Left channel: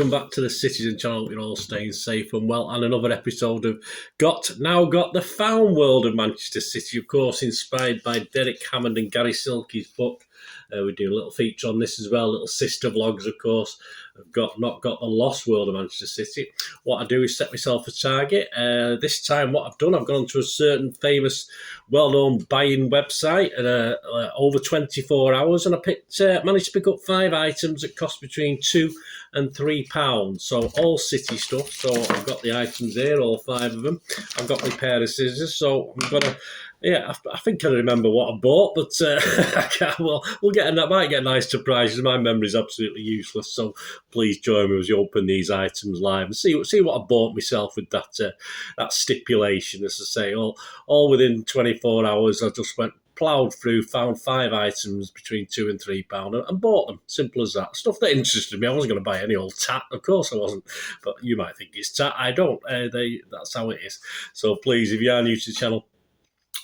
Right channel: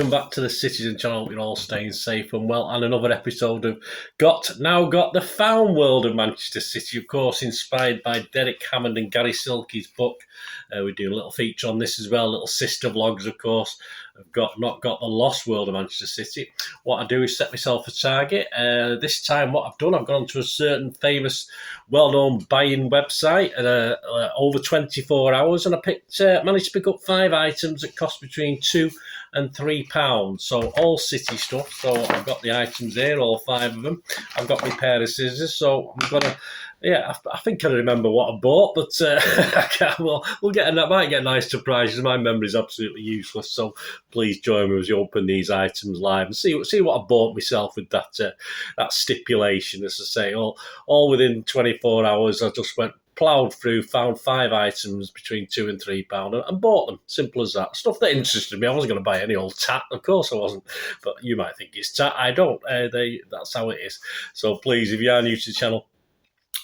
welcome back to the Citizen channel. You're all staying safe and well, and another episode of Got the Found World of Manchester City, of course, inspired by Derek Hammond and Gary Silkey's book. We're doing a little feature on this as well, little sister vlogs, of course. I've got the Lost World of Manchester City. What I do is set myself a target. This time what I've done, I've gone to a certain famous, well-known buying website and over 24 hours, and I managed to pick up 5 items that cost between £2 and £3. So all City stuff. So I've got the items there, all 5 of them. I've got my pair of scissors, so I'm going to... Yeah, I think I remember what I bought, but we'll get. I might get nice surprises. My memory's absolutely useless, so please join me as we open these items live and see what I bought myself with that stipulation. As I say, all within 24 hours, I just ploughed through, found 5 items between £2 and £3 and bought them. Simple as that. Stuff that interested me. I wasn't going to buy any old tat, of course I wasn't. But you might think it's tat. I don't. That's how it is. So please, if you are new to the channel,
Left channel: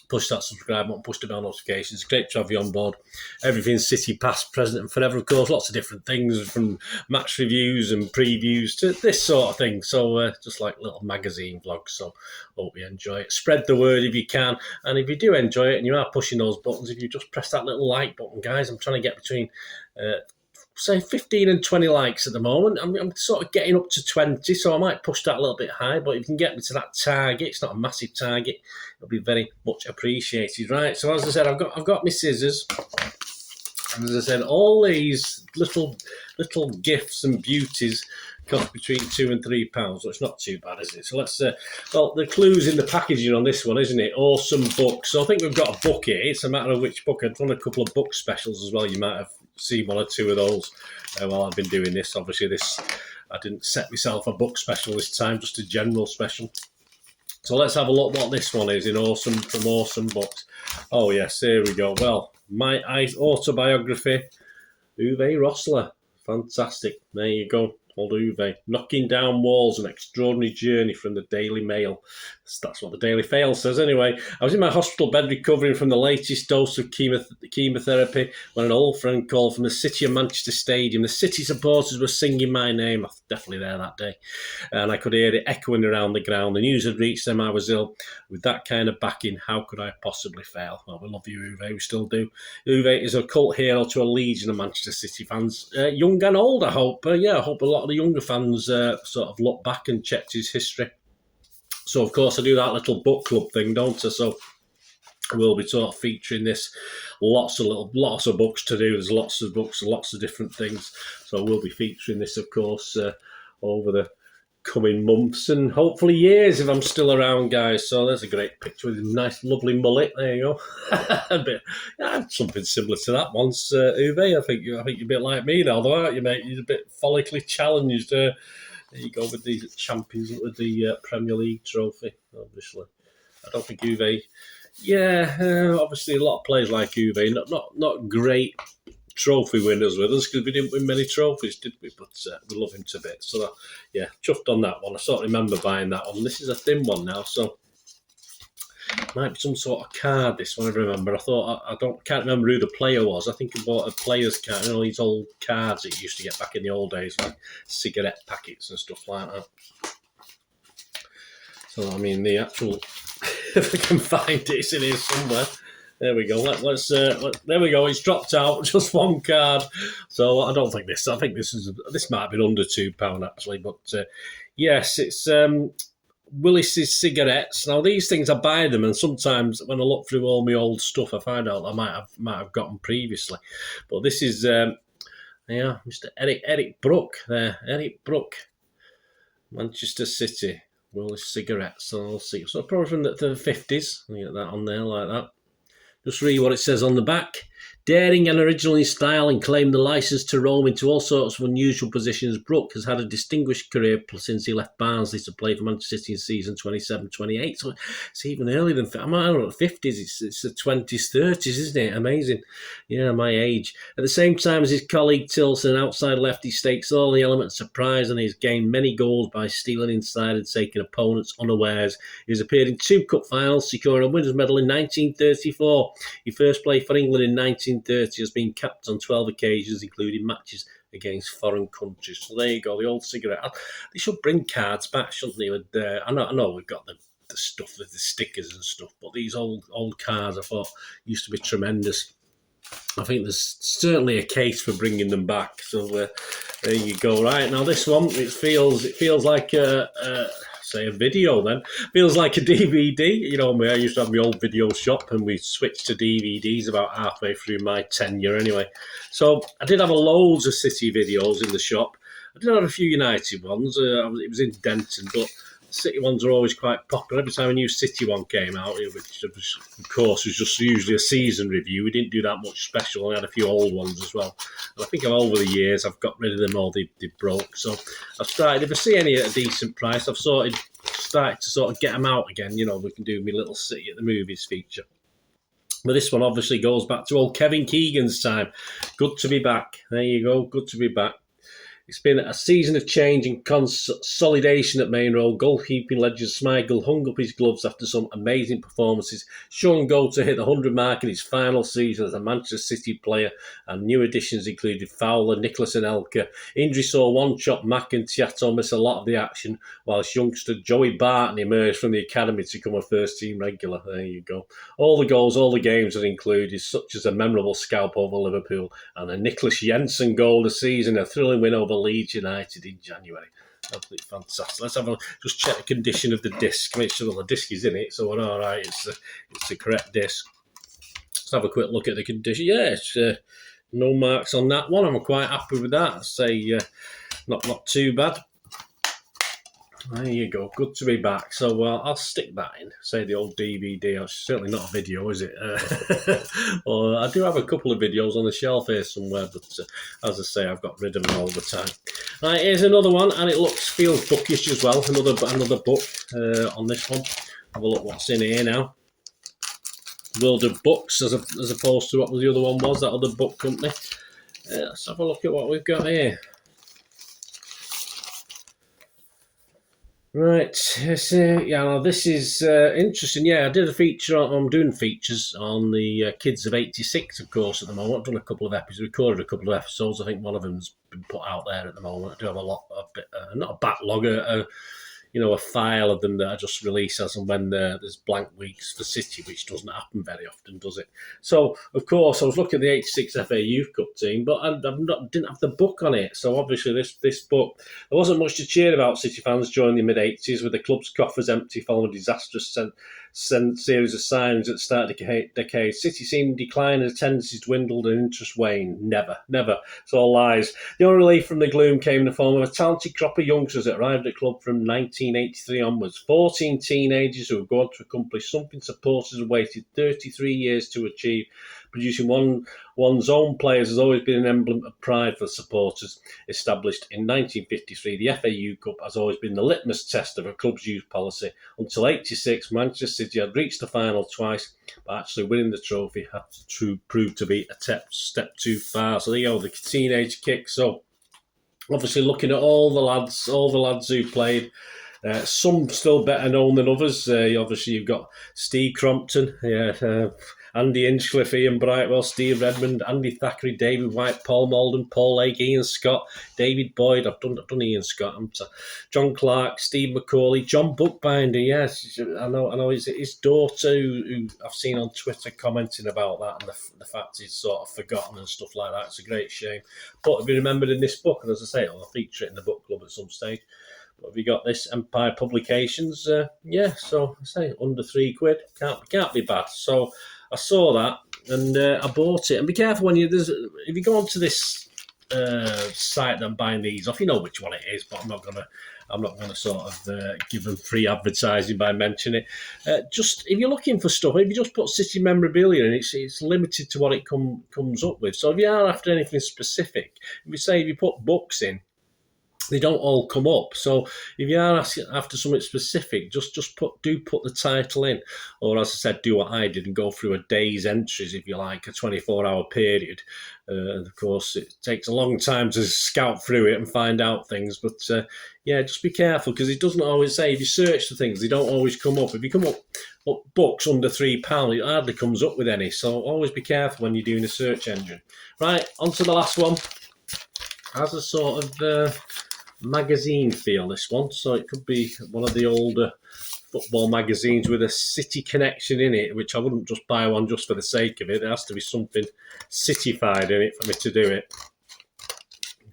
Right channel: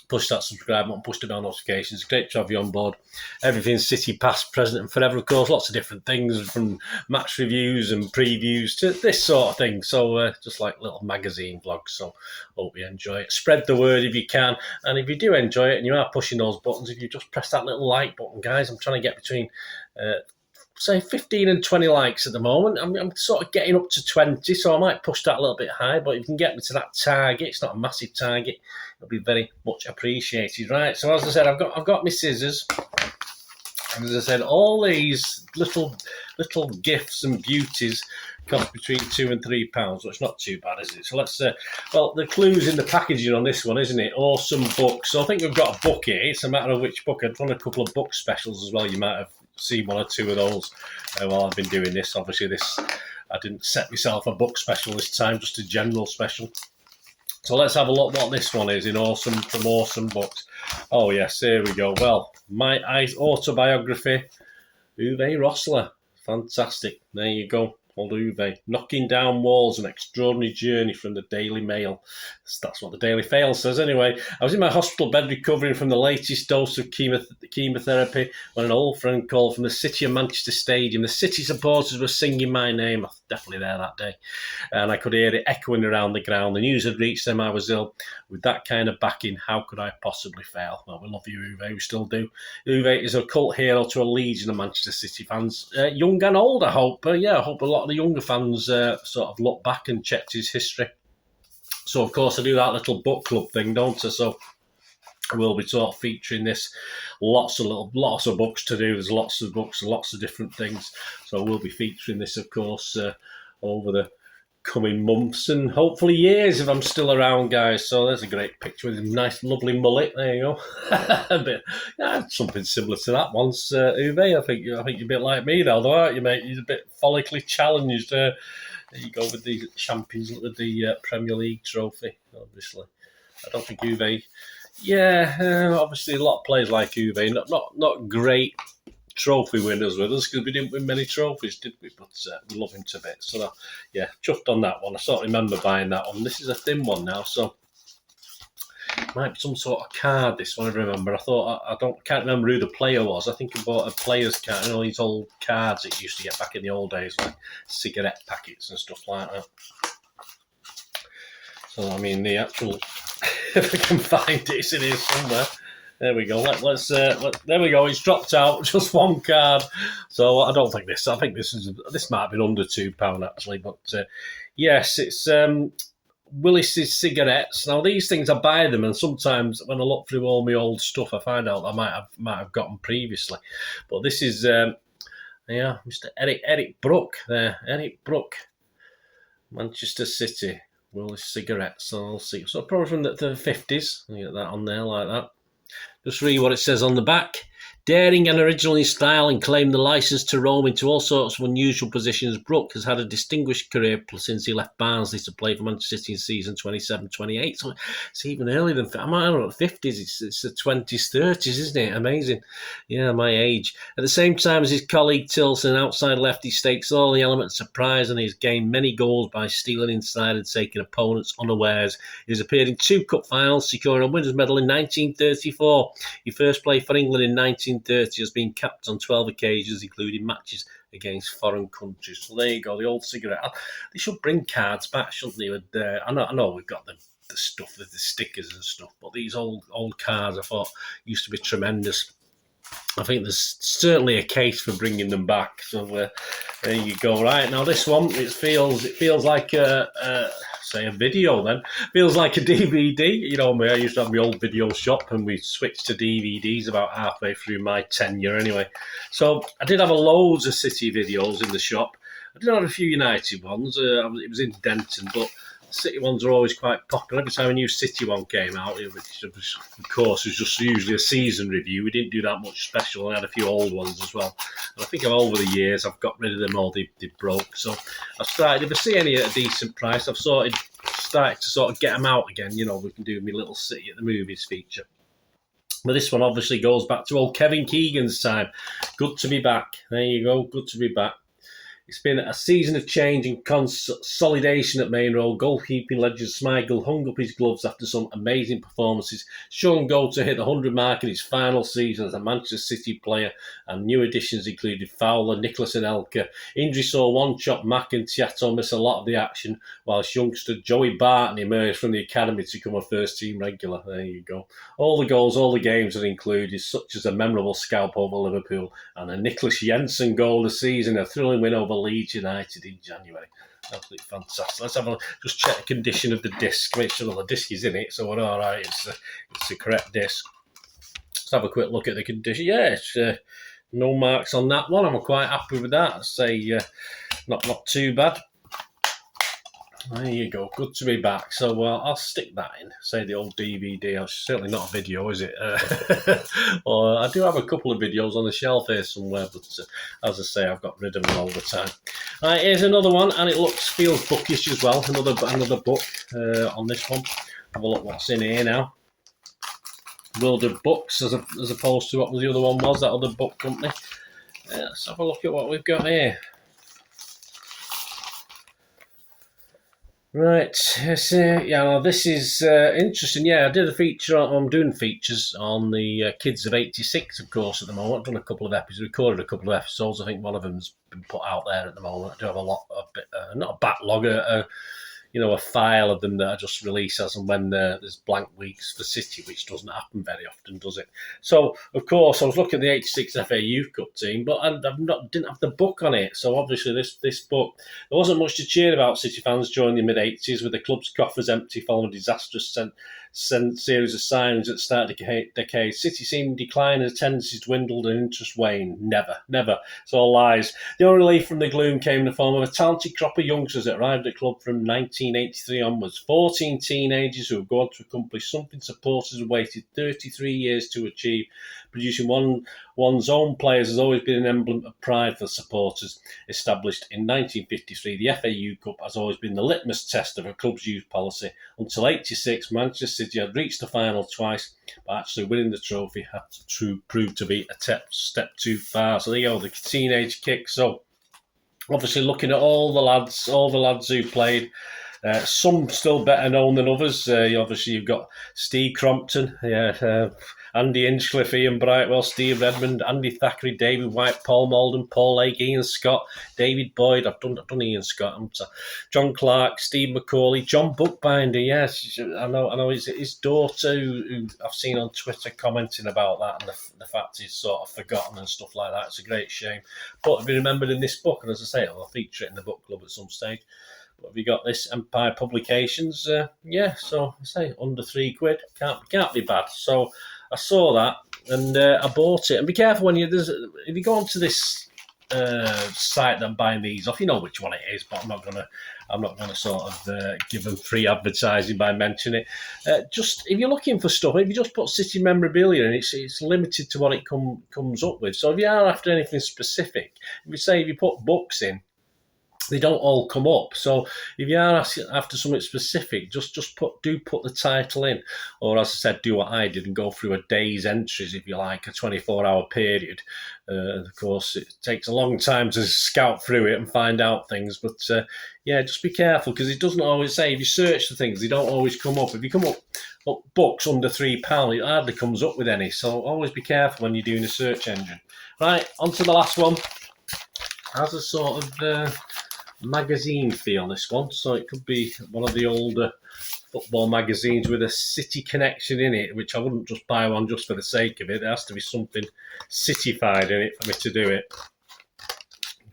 push that subscribe button, push the bell notifications. It's great to have you on board. Everything's City, past, present and forever, of course. Lots of different things, from match reviews and previews to this sort of thing. So just like little magazine vlogs. So hope you enjoy it. Spread the word if you can. And if you do enjoy it and you are pushing those buttons, if you just press that little like button, guys. I'm trying to get between... say 15 and 20 likes at the moment. I'm sort of getting up to 20, so I might push that a little bit high, but if you can get me to that target, it's not a massive target, it'll be very much appreciated. Right, so as I said, I've got my scissors, and as I said, all these little gifts and beauties cost between £2 and £3, so it's not too bad, is it? So let's, well, the clue's in the packaging on this one, isn't it? Awesome books. So I think we've got a book here. It's a matter of which book. I've done a couple of book specials as well. You might have seen 1 or 2 of those while I've been doing this. Obviously, I didn't set myself a book special this time, just a general special. So let's have a look what this one is from Awesome Books. Oh yes, here we go. Well, my autobiography, Uwe Rosler. Fantastic. There you go. Old Uwe. Knocking Down Walls, An Extraordinary Journey from the Daily Mail. That's what the Daily Mail says anyway. I was in my hospital bed recovering from the latest dose of chemotherapy when an old friend called from the City of Manchester Stadium. The City supporters were singing my name. I was definitely there that day. And I could hear it echoing around the ground. The news had reached them I was ill. With that kind of backing, how could I possibly fail? Well, we love you, Uwe. We still do. Uwe is a cult hero to a legion of Manchester City fans. Young and old, I hope. I hope a lot of the younger fans sort of look back and checked his history. So, of course, I do that little book club thing, don't I? So I will be sort of featuring this. Lots of books to do. There's lots of books and lots of different things. So I will be featuring this, of course, over the coming months and hopefully years if I'm still around, guys. So there's a great picture with a nice, lovely mullet. There you go. Something similar to that once, Uwe. I think you're a bit like me, though, aren't you, mate? You're a bit follically challenged. There you go with the champions, with the Premier League trophy, obviously. I don't think Uwe... Yeah, obviously a lot of players like Uwe, not great trophy winners with us because we didn't win many trophies, did we? But we love him to bits. So, yeah, chuffed on that one. I sort of remember buying that one. This is a thin one now, so it might be some sort of card, this one, I remember. I can't remember who the player was. I think I bought a player's card, these old cards that you used to get back in the old days, like cigarette packets and stuff like that. So, I mean, the actual... if I can find it, it's in here somewhere. There we go. There we go. It's dropped out. Just one card. So I don't think this. I think this might have been under £2 actually. But yes, it's Willis's cigarettes. Now these things, I buy them, and sometimes when I look through all my old stuff, I find out I might have got them previously. But this is Mr. Eric Brook there. Eric Brook, Manchester City. Willis cigarettes. So I'll see. So probably from the 50s. I'll get that on there like that. Just read what it says on the back. Daring and original in style and claiming the licence to roam into all sorts of unusual positions, Brook has had a distinguished career since he left Barnsley to play for Manchester City in season 27-28. So it's even earlier than... I don't know, the 50s. It's the 20s, 30s, isn't it? Amazing. Yeah, my age. At the same time as his colleague Tilson, outside left, he stakes all the elements of surprise and he's gained many goals by stealing inside and taking opponents unawares. He's appeared in 2 cup finals, securing a winners' medal in 1934. He first played for England in 1930, has been capped on 12 occasions, including matches against foreign countries. So there you go, the old cigarette. They should bring cards back, shouldn't they? I know we've got the stuff with the stickers and stuff, but these old cards I thought used to be tremendous. I think there's certainly a case for bringing them back. So there you go. Right, now this one, it feels like a video then. Feels like a DVD. You know me, I used to have my old video shop and we switched to DVDs about halfway through my tenure anyway. So I did have loads of City videos in the shop. I did have a few United ones. It was in Denton, but City ones are always quite popular. Every time a new City one came out, which of course was just usually a season review, we didn't do that much special. I had a few old ones as well. And I think over the years I've got rid of them all. They broke. So I've started, if I see any at a decent price, I've started to sort of get them out again. You know, we can do my little City at the movies feature. But this one obviously goes back to old Kevin Keegan's time. Good to be back. There you go. Good to be back. It's been a season of change and consolidation at Main Road. Goalkeeping legend Smigel hung up his gloves after some amazing performances. Sean Gold to hit the 100 mark in his final season as a Manchester City player, and new additions included Fowler, Nicholas and Elka. Injury saw one chop Mac and Tiato miss a lot of the action, whilst youngster Joey Barton emerged from the academy to become a first-team regular. There you go. All the goals, all the games are included, such as a memorable scalp over Liverpool and a Nicholas Jensen goal this season, a thrilling win over Leeds United in January. Absolutely fantastic. Let's just check the condition of the disc, make sure the disc is in it, so we're all right. It's the correct disc. Let's have a quick look at the condition. Yeah, it's no marks on that one. I'm quite happy with that. I'd say not too bad. There you go. Good to be back. So I'll stick that in. Say the old DVD. It's certainly not a video, is it? Or I do have a couple of videos on the shelf here somewhere, but as I say, I've got rid of them all the time. Right, here's another one, and it feels bookish as well. Another book on this one. Have a look what's in here now. World of Books, as opposed to what the other one was, that other book company. Let's have a look at what we've got here. Right, this is interesting. Yeah, I did a feature I'm doing features on the Kids of 86, of course, at the moment. I've done a couple of episodes, recorded a couple of episodes. I think one of them's been put out there at the moment. I do have not a backlog, a file of them that I just release as and when there's blank weeks for City, which doesn't happen very often, does it? So, of course, I was looking at the 86 FA Youth Cup team, but I didn't have the book on it. So, obviously, this book, there wasn't much to cheer about City fans during the mid-80s, with the club's coffers empty following a disastrous series of signings at the start of the decade. City seemed decline, and attendances dwindled and interest waned. Never. It's all lies. The only relief from the gloom came in the form of a talented crop of youngsters that arrived at the club from 1983 onwards. 14 teenagers who have gone to accomplish something supporters have waited 33 years to achieve. Producing one's own players has always been an emblem of pride for supporters. Established in 1953, the FA Youth Cup has always been the litmus test of a club's youth policy. Until 86, Manchester City had reached the final twice, but actually winning the trophy had to prove to be a step too far. So there you go, the teenage kick. So obviously looking at all the lads who played, some still better known than others. Obviously you've got Steve Crompton, Andy Hinchcliffe, Ian Brightwell, Steve Redmond, Andy Thackeray, David White, Paul Malden, Paul Lake, Ian Scott, David Boyd. I've done Ian Scott. John Clark, Steve McCauley, John Bookbinder. Yes, I know. His daughter, who I've seen on Twitter commenting about that, and the fact he's sort of forgotten and stuff like that. It's a great shame. But to be remembered in this book, and as I say, I'll feature it in the book club at some stage. But have you got this? Empire Publications. So I say under £3. Can't be bad. So I saw that and I bought it. And be careful if you go onto this site that I'm buying these off, you know which one it is, but I'm not gonna sort of give them free advertising by mentioning it. Just if you're looking for stuff, if you just put City memorabilia in, it's limited to what it comes up with. So if you are after anything specific, if you put books in, they don't all come up. So if you are asking after something specific, just put the title in, or as I said, do what I did and go through a day's entries, if you like, a 24-hour period. Of course, it takes a long time to scout through it and find out things, but just be careful, because it doesn't always say, if you search for things, they don't always come up. If you come up books under £3, it hardly comes up with any. So always be careful when you're doing a search engine. Right, on to the last one. has a sort of magazine feel, this one, so it could be one of the older football magazines with a City connection in it, which I wouldn't just buy one just for the sake of it. There has to be something Cityfied in it for me to do it.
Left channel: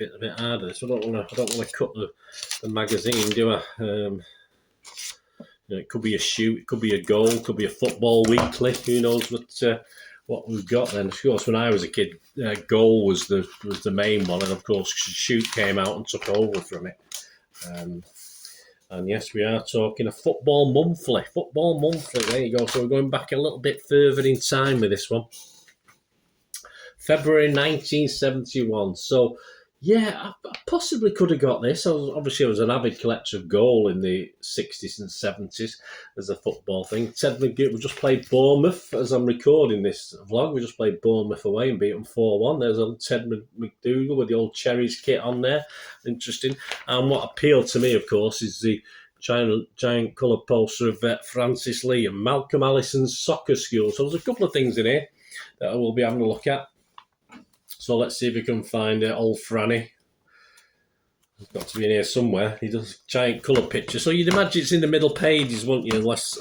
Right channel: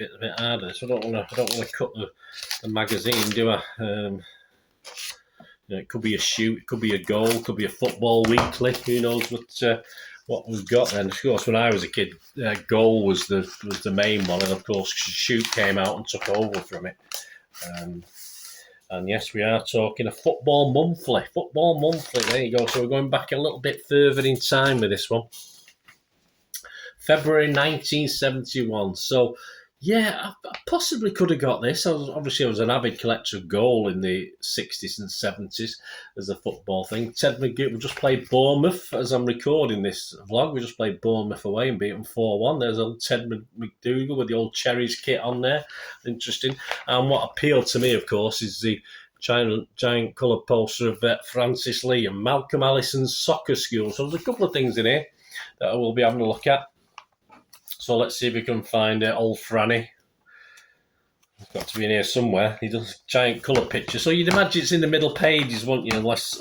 A bit harder, so I don't want to cut the magazine, do I? It could be a shoot, it could be a goal, it could be a football weekly. Who knows what we've got then? Of course, when I was a kid, goal was the main one, and of course, shoot came out and took over from it. And yes, we are talking a football monthly. Football monthly, there you go. So we're going back a little bit further in time with this one. February 1971. So, yeah, I possibly could have got this. I was an avid collector of goal in the 60s and 70s as a football thing. Ted McGee, we just played Bournemouth as I'm recording this vlog. We just played Bournemouth away and beat them 4-1. There's old Ted McDougall with the old Cherries kit on there. Interesting. And what appealed to me, of course, is the giant colour poster of Francis Lee and Malcolm Allison's soccer school. So there's a couple of things in here that I will be having a look at. So let's see if we can find old Franny. It's got to be in here somewhere. He does a giant colour picture. So you'd imagine it's in the middle pages, wouldn't you? Unless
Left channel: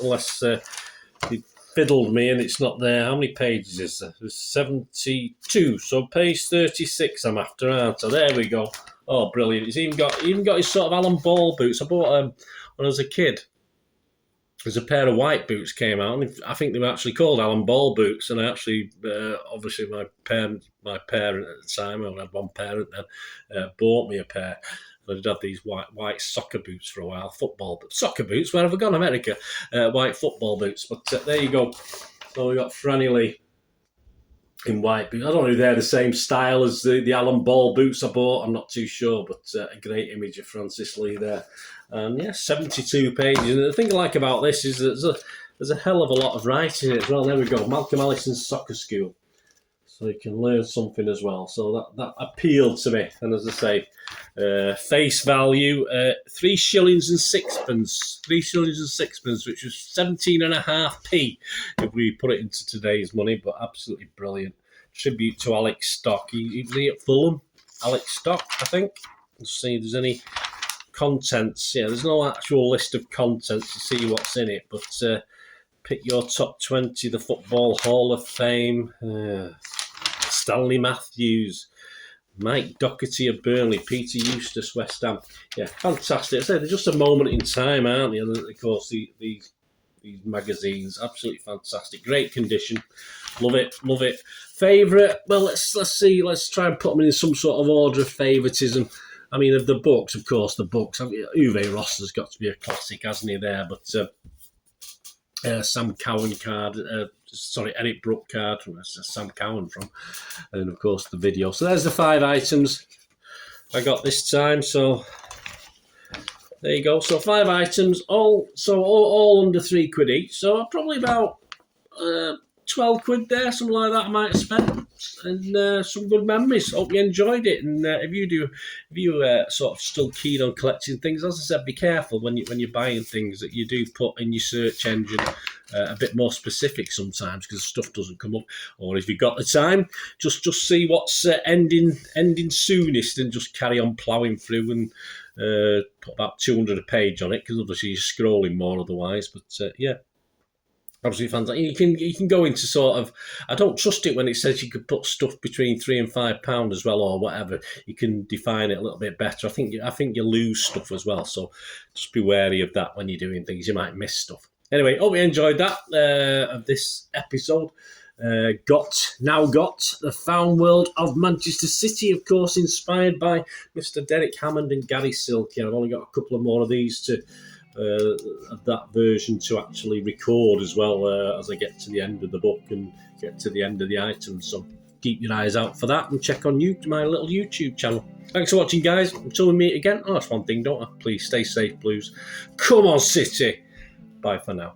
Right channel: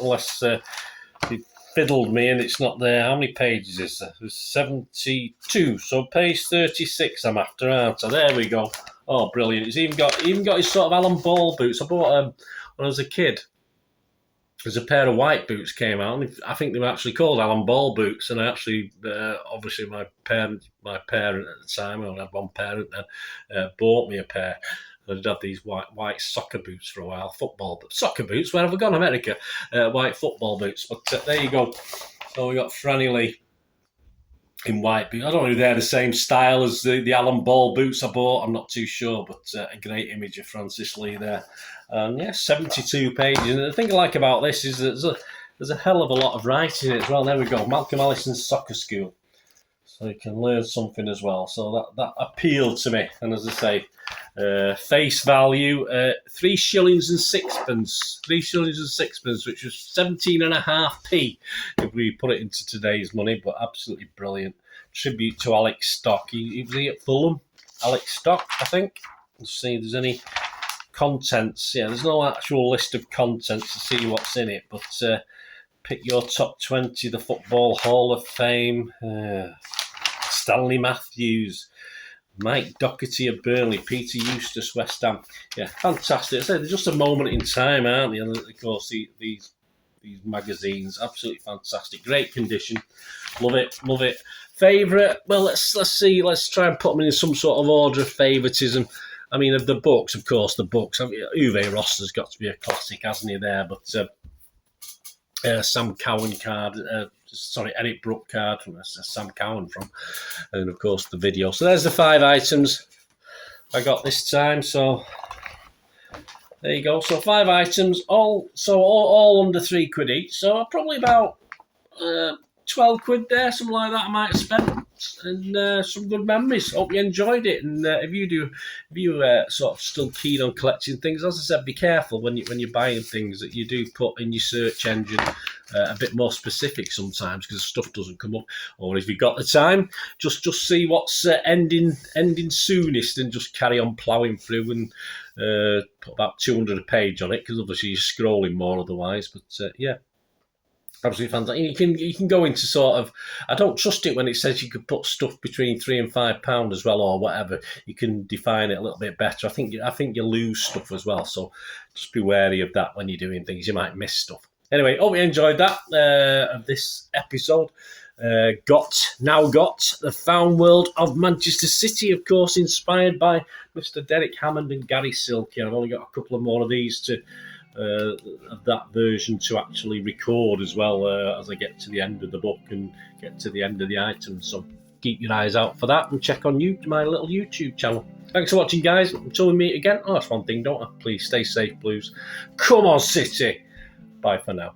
you fiddled me and it's not there. How many pages is there? There's 72. So page 36 I'm after, aren't I? There we go. Oh, brilliant. He's even got his sort of Alan Ball boots. I bought when I was a kid. There's a pair of white boots came out, and I think they were actually called Alan Ball boots. And I actually, obviously, my parent at the time, I only had one parent then, bought me a pair. I did have these white soccer boots for a while, soccer boots. Where have I gone? America, white football boots. But there you go. So we got Franny Lee in white boots. I don't know if they're the same style as the Alan Ball boots I bought. I'm not too sure, but a great image of Francis Lee there. Yeah, 72 pages. And the thing I like about this is that there's a hell of a lot of writing in it as well. There we go, Malcolm Allison's soccer school. So you can learn something as well. So that appealed to me. And as I say, face value, 3 shillings and sixpence. 3 shillings and sixpence, which was 17.5p if we put it into today's money. But absolutely brilliant. Tribute to Alex Stock. He was at Fulham. Alex Stock, I think. Let's see if there's any contents. Yeah, there's no actual list of contents to see what's in it, but pick your top 20, the Football Hall of Fame, Stanley Matthews, Mike Doherty of Burnley, Peter Eustace, West Ham. Yeah, fantastic. I say they're just a moment in time, aren't they? And of course, these magazines, absolutely fantastic. Great condition. Love it. Favourite? Well, let's see. Let's try and put them in some sort of order of favouritism. I mean, of the books, of course, Uwe Ross's got to be a classic, hasn't he, there? But Sam Cowan card, Eric Brook card, Sam Cowan from, and of course the video. So there's the 5 items I got this time. So there you go. So 5 items, all under £3 each. So probably about 12 quid there, something like that I might spend. And some good memories. Hope you enjoyed it. And if you sort of still keen on collecting things, as I said, be careful when you're buying things that you do put in your search engine a bit more specific sometimes, because stuff doesn't come up. Or if you've got the time, just see what's ending soonest and just carry on ploughing through and put about 200 a page on it, because obviously you're scrolling more otherwise. But yeah. Absolutely fantastic. You can go into sort of, I don't trust it when it says you could put stuff between £3 and £5 as well, or whatever. You can define it a little bit better. I think you lose stuff as well, so just be wary of that when you're doing things. You might miss stuff. Anyway, hope you enjoyed that of this episode. Got the Found World of Manchester City, of course, inspired by Mr. Derek Hammond and Gary Silky. I've only got a couple of more of these to. Of that version to actually record as well as I get to the end of the book and get to the end of the items. So keep your eyes out for that and check on my little YouTube channel. Thanks for watching, guys. Until we meet again. Oh, that's one thing, don't I? Please stay safe, Blues. Come on, City. Bye for now.